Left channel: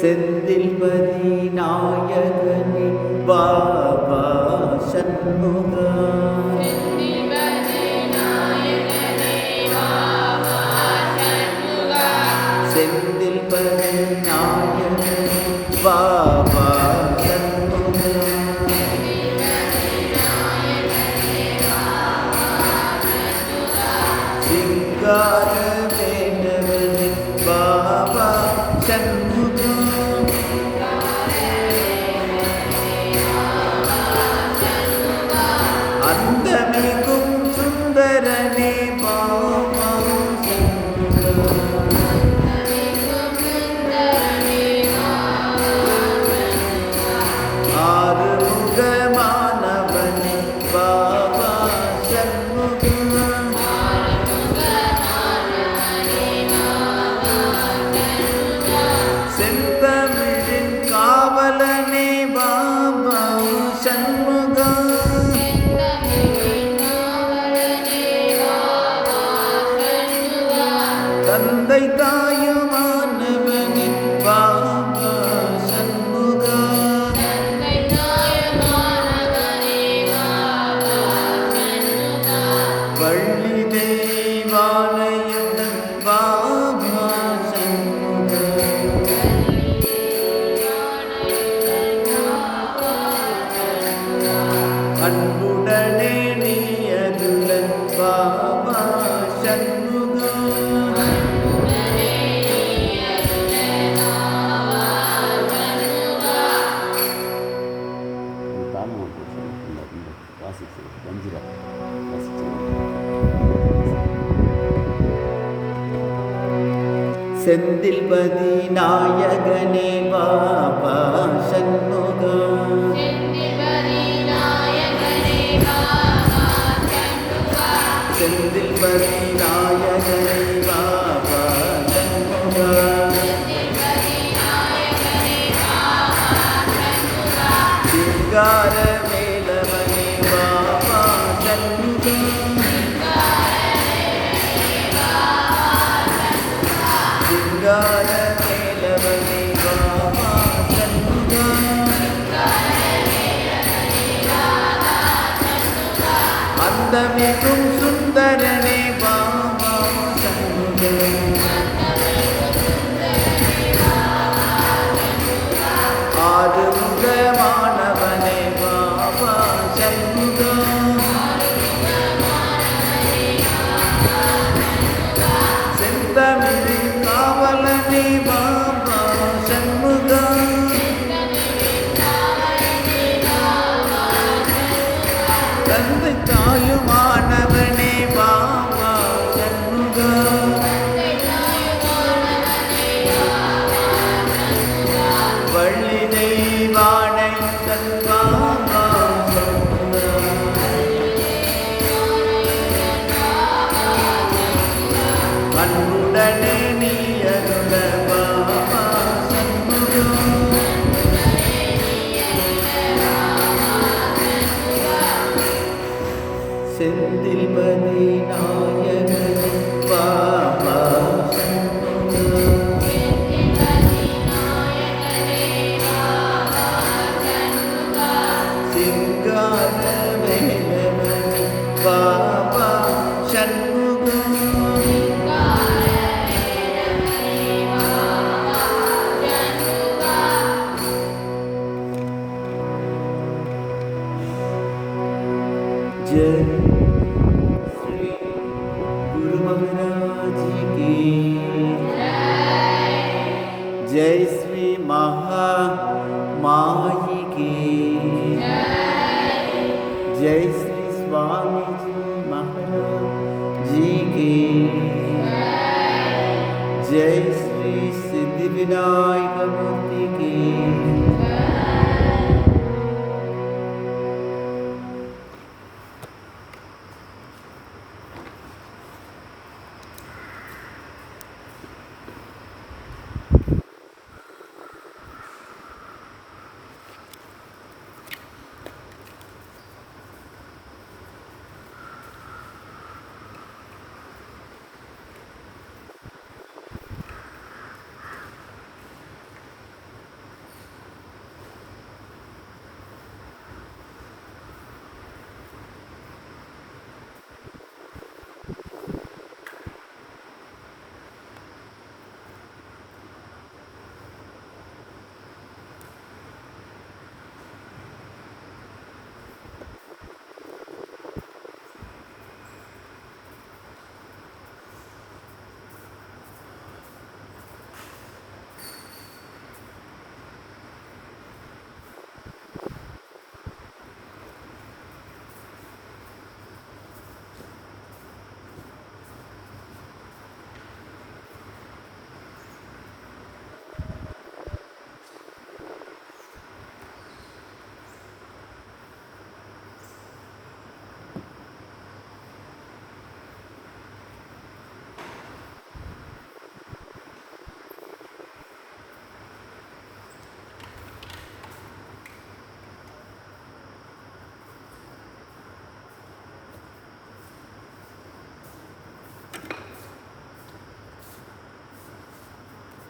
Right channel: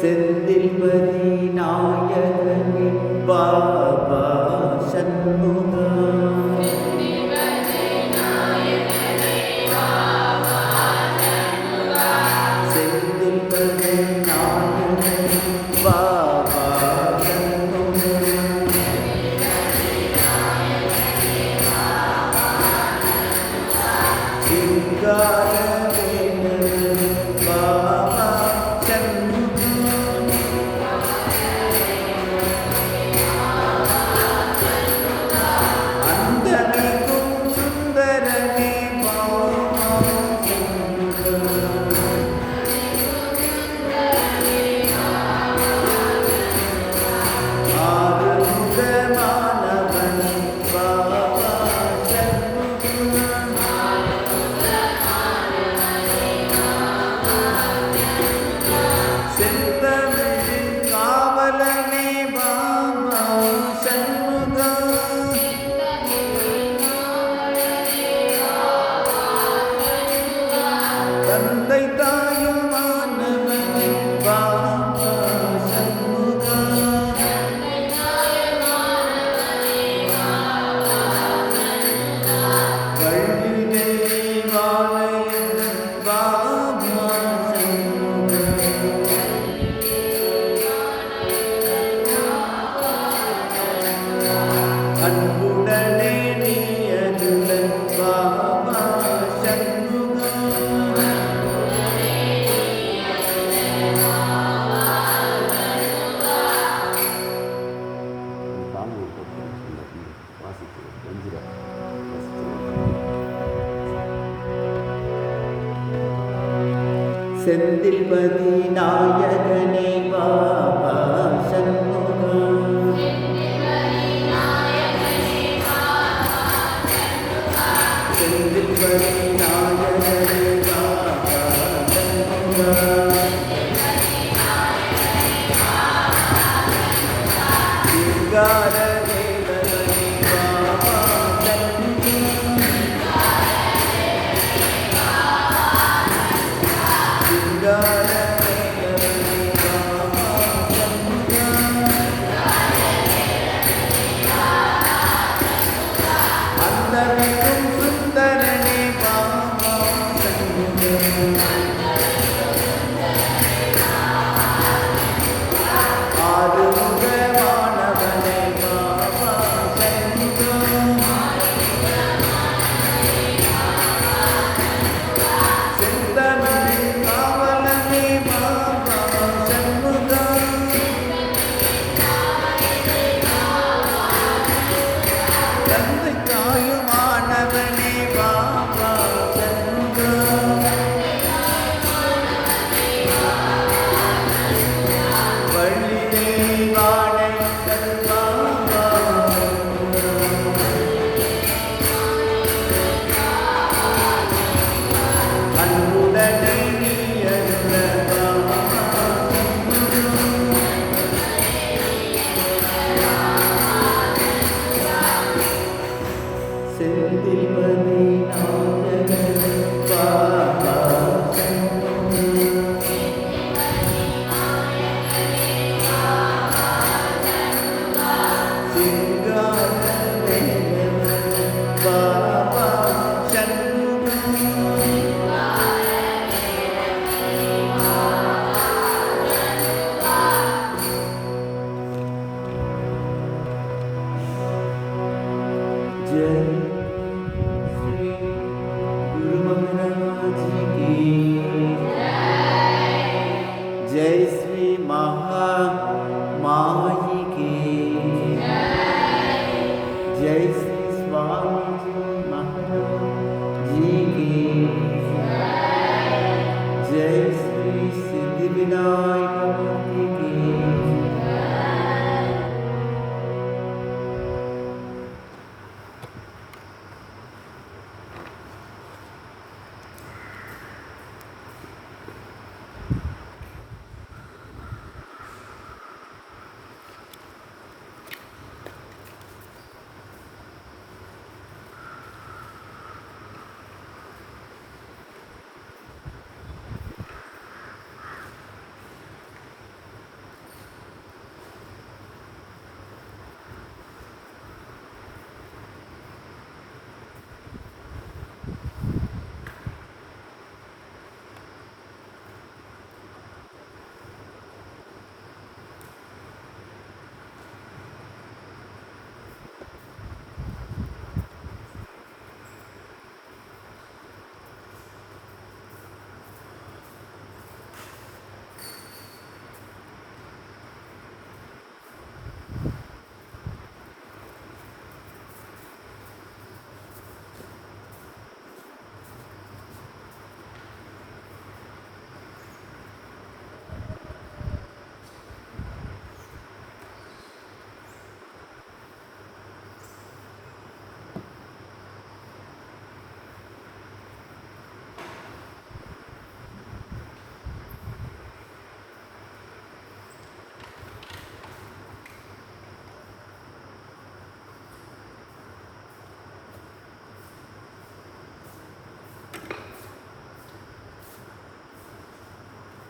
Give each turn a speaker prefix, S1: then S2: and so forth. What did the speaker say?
S1: செந்தில் பதிநாயகனே பாபா சண்முகா. செந்தில் பதிநாயகனே செந்தில் பதி நாயகனே பாபா சண்முகா day जय श्री महा माही की
S2: जय। श्री स्वामी जी महाराज जी की
S1: जय। श्री सिद्धि विनायक की।